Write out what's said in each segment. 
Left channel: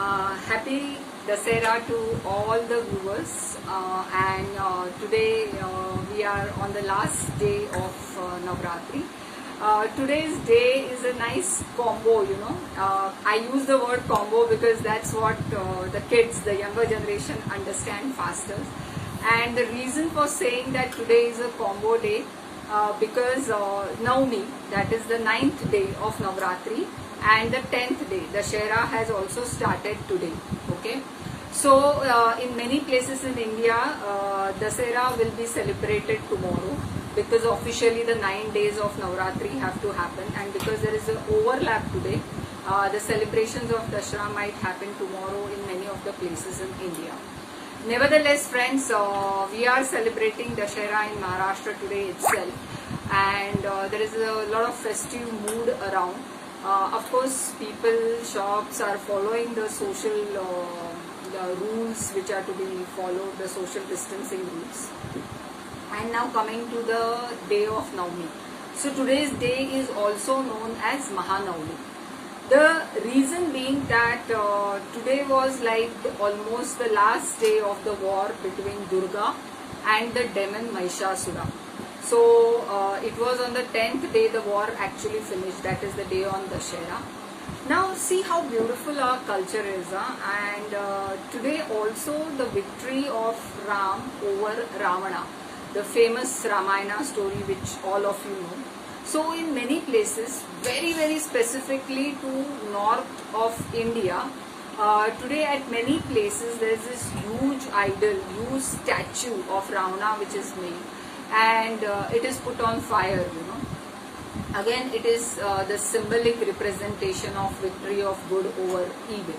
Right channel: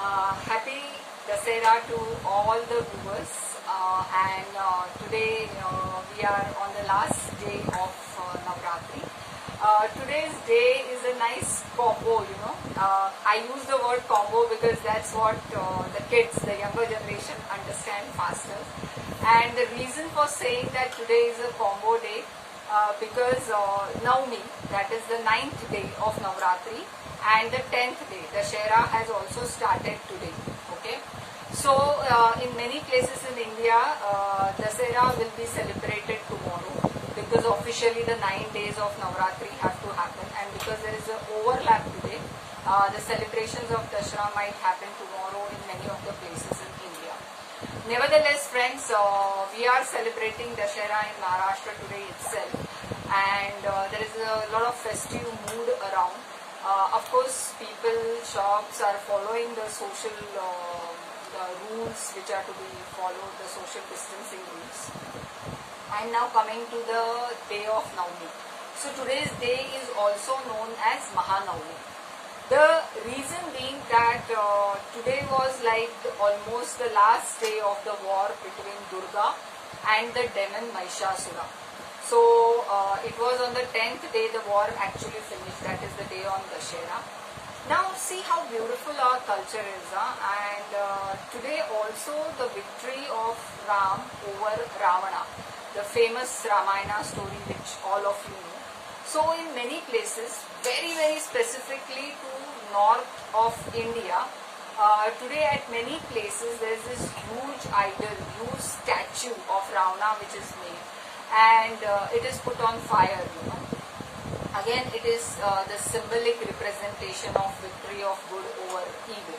Happy Dasera to all the viewers, today we are on the last day of Navratri. Today's day is a nice combo, I use the word combo because that's what the kids, the younger generation understand faster. And the reason for saying that today is a combo day because Navami, that is the 9th day of Navratri, and the 10th day, the Dashera, has also started today. Okay, so in many places in India, Dasera will be celebrated tomorrow because officially the 9 days of Navratri have to happen, and because there is an overlap today, the celebrations of Dashera might happen tomorrow in many of the places in India. Nevertheless, friends, we are celebrating Dashera in Maharashtra today itself, and there is a lot of festive mood around. Of course, people, shops are following the social the rules which are to be followed, the social distancing rules. And now coming to the day of Navami. So today's day is also known as Mahanavami. The reason being that today was like almost the last day of the war between Durga and the demon Mahishasura. So it was on the 10th day the war actually finished, that is the day on Dashera. Now see how beautiful our culture is, and today also the victory of Ram over Ravana, the famous Ramayana story which all of you know. So in many places, very specifically to north of India, today at many places there is this huge idol, huge statue of Ravana which is made, and it is put on fire, Again, it is the symbolic representation of victory of good over evil.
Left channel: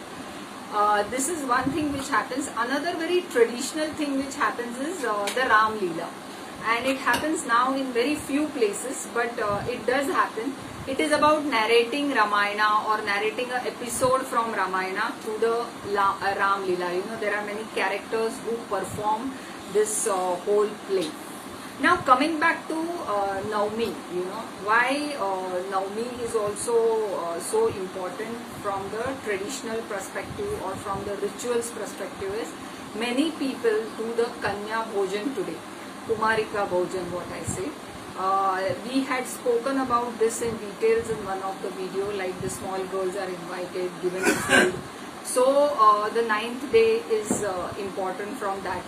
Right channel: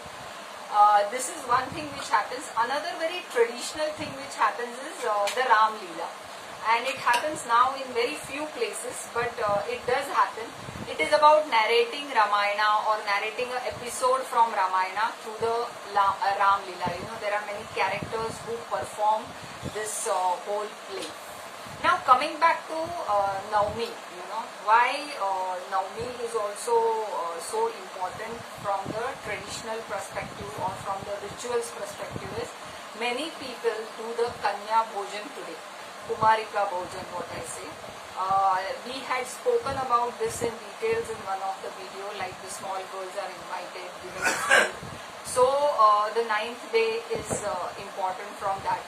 This is one thing which happens. Another very traditional thing which happens is the Ram Leela. And it happens now in very few places, but it does happen. It is about narrating Ramayana or narrating an episode from Ramayana through the Ram Leela. There are many characters who perform this whole play. Now coming back to Navami, why Navami is also so important from the traditional perspective or from the rituals perspective is many people do the Kanya Bhojan today. Kumarika Bhojan, what I say. We had spoken about this in details in one of the video, like the small girls are invited, given food. So the 9th day is important from that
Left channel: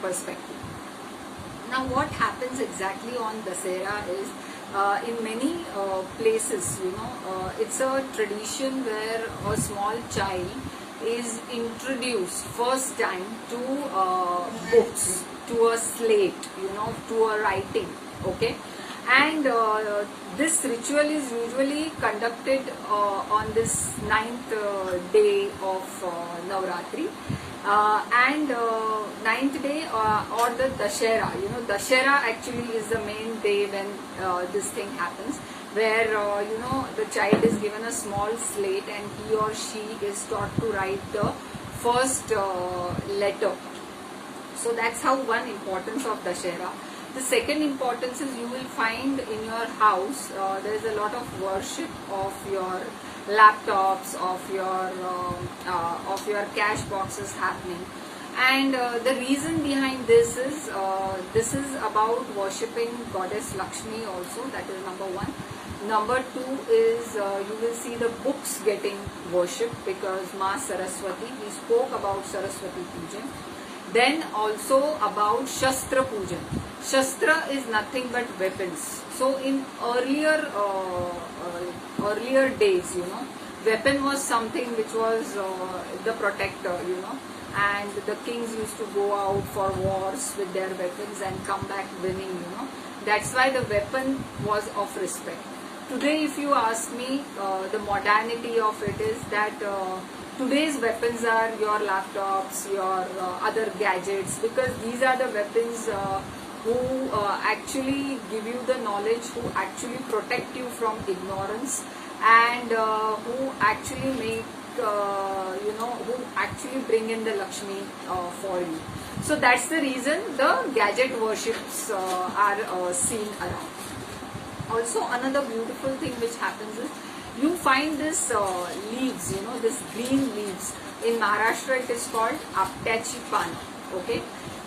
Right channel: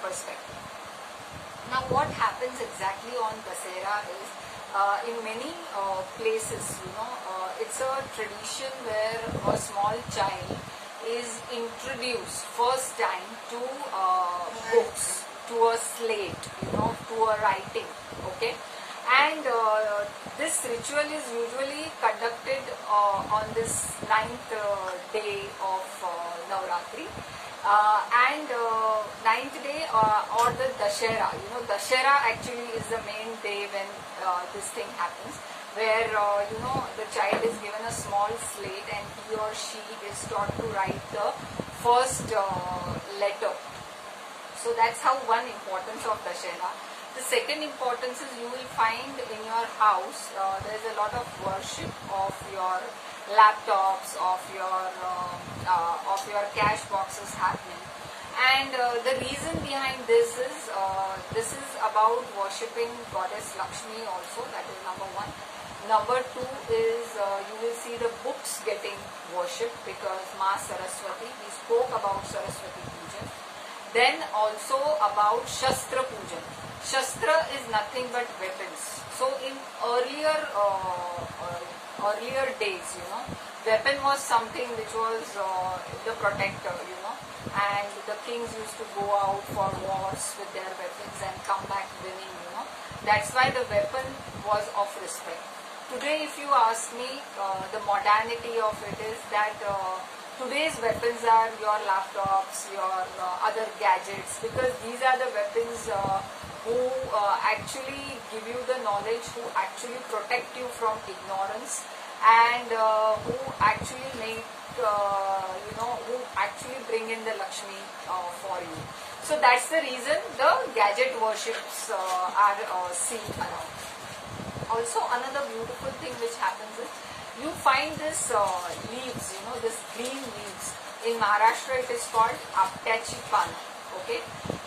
perspective. Now what happens exactly on Dasera is, in many places, it's a tradition where a small child is introduced first time to books, to a slate, to a writing, okay? And this ritual is usually conducted on this 9th day of Navratri. And 9th day or the Dashera, Dashera actually is the main day when this thing happens, where the child is given a small slate and he or she is taught to write the first letter. So that's how one importance of Dashera. The second importance is you will find in your house there is a lot of worship of your laptops, of your cash boxes happening, and the reason behind this is about worshipping goddess Lakshmi also. That is number one. Number two is you will see the books getting worshipped because Ma Saraswati, we spoke about Saraswati Pujan. Then also about Shastra Pujan. Shastra is nothing but weapons. So in earlier days, weapon was something which was the protector, and the kings used to go out for wars with their weapons and come back winning, That's why the weapon was of respect. Today, if you ask me, the modernity of it is that today's weapons are your laptops, your other gadgets, because these are the weapons who actually give you the knowledge, who actually protect you from ignorance, and who actually make, who actually bring in the Lakshmi for you. So that's the reason the gadget worships are seen around. Also, another beautiful thing which happens is you find this leaves, this green leaves. In Maharashtra it is called aptyachi pana. Okay,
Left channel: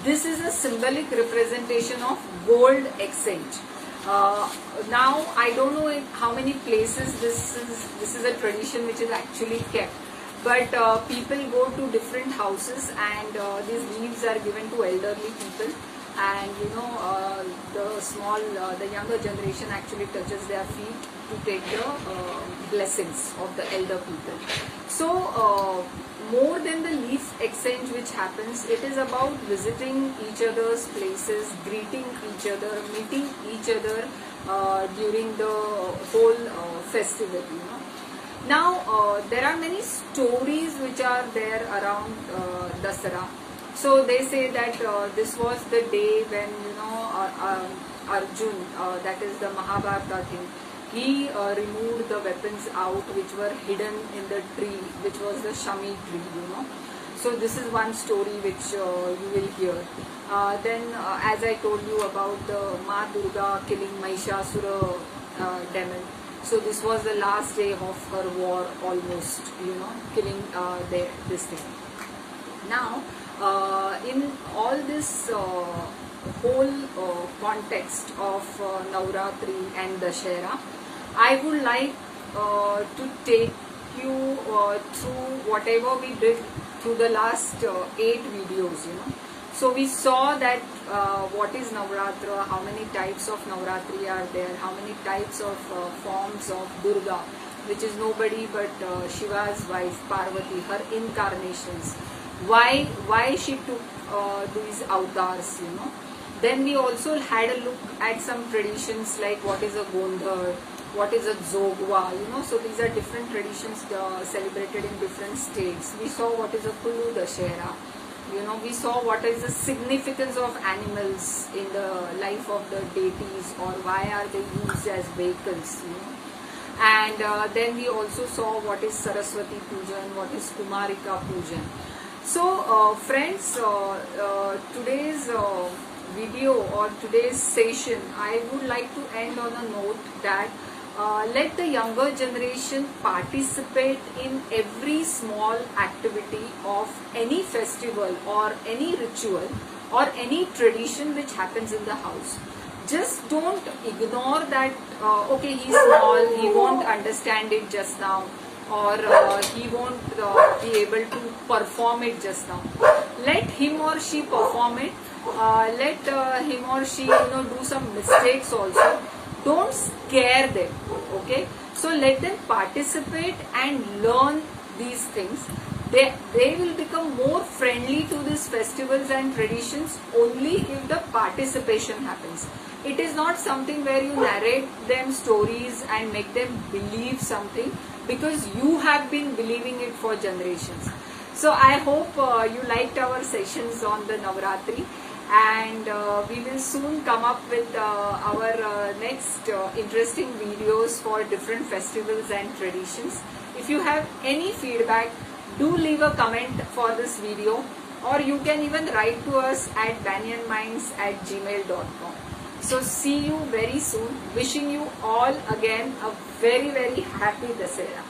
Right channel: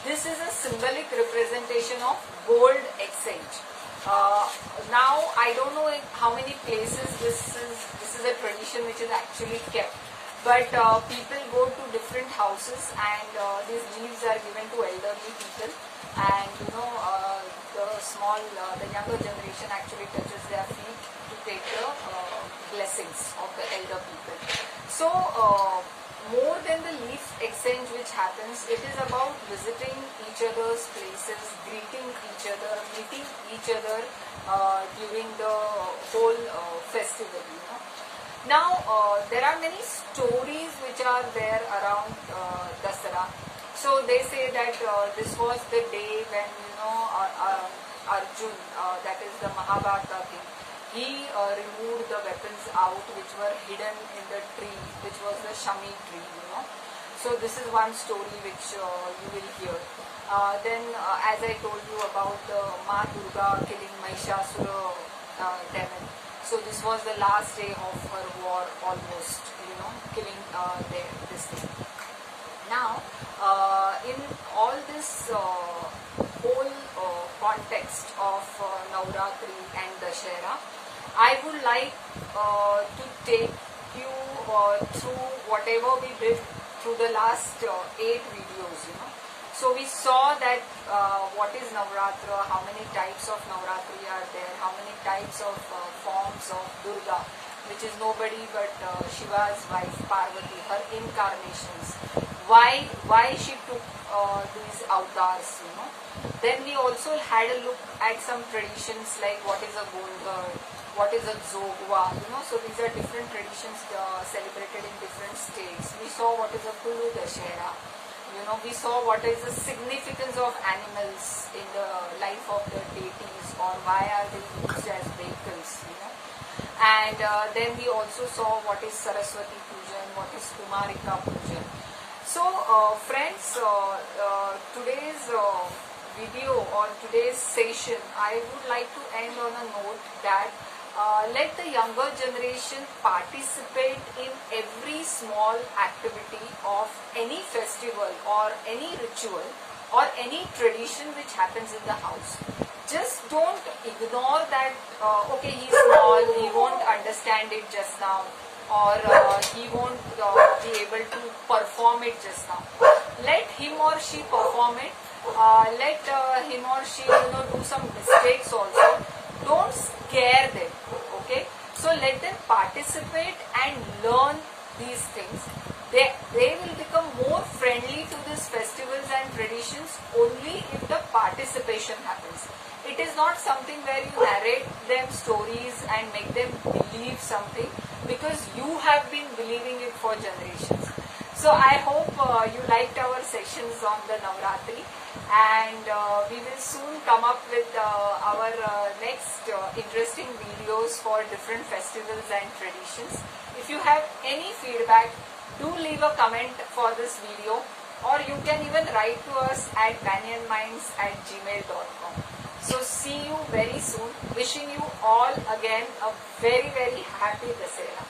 this is a symbolic representation of gold exchange. Now I don't know in how many places this is a tradition which is actually kept, but people go to different houses and these leaves are given to elderly people, and the younger generation actually touches their feet to take the blessings of the elder people. So more than the leaf exchange which happens, it is about visiting each other's places, greeting each other, meeting each other during the whole festival. Now there are many stories which are there around Dasara. So they say that this was the day when Arjun, that is the Mahabharata thing, he removed the weapons out which were hidden in the tree, which was the Shami tree. So this is one story which you will hear. Then as I told you about the Ma Durga killing Mahishasura demon. So this was the last day of her war, almost, killing this thing. Now, in all this whole context of Navratri and Dashera, I would like to take you through whatever we did through the last 8 videos. So we saw that what is Navratra, how many types of Navratri are there, how many types of forms of Durga, which is nobody but Shiva's wife Parvati, her incarnations. Why she took these avatars, Then we also had a look at some traditions like what is a Gondhar, what is a Zogwa, So these are different traditions celebrated in different states. We saw what is a Kullu Dashera. We saw what is the significance of animals in the life of the deities, or why are they used as vehicles, And then we also saw what is Saraswati Pujan, what is Kumarika Pujan. So friends, today's video or today's session, I would like to end on a note that let the younger generation participate in every small activity of any festival or any ritual or any tradition which happens in the house. Just don't ignore that, okay, he's small, he won't understand it just now, or he won't be able to perform it just now. Let him or she perform it. Let him or she, do some mistakes also. Don't scare them, okay? So let them participate and learn these things. They will become more friendly to these festivals and traditions only if the participation happens. It is not something where you narrate them stories and make them believe something, because you have been believing it for generations. So I hope you liked our sessions on the Navratri, and we will soon come up with our next interesting videos for different festivals and traditions. If you have any feedback, do leave a comment for this video, or you can even write to us at banyanminds@gmail.com. So see you very soon. Wishing you all again a very, very happy Dasera.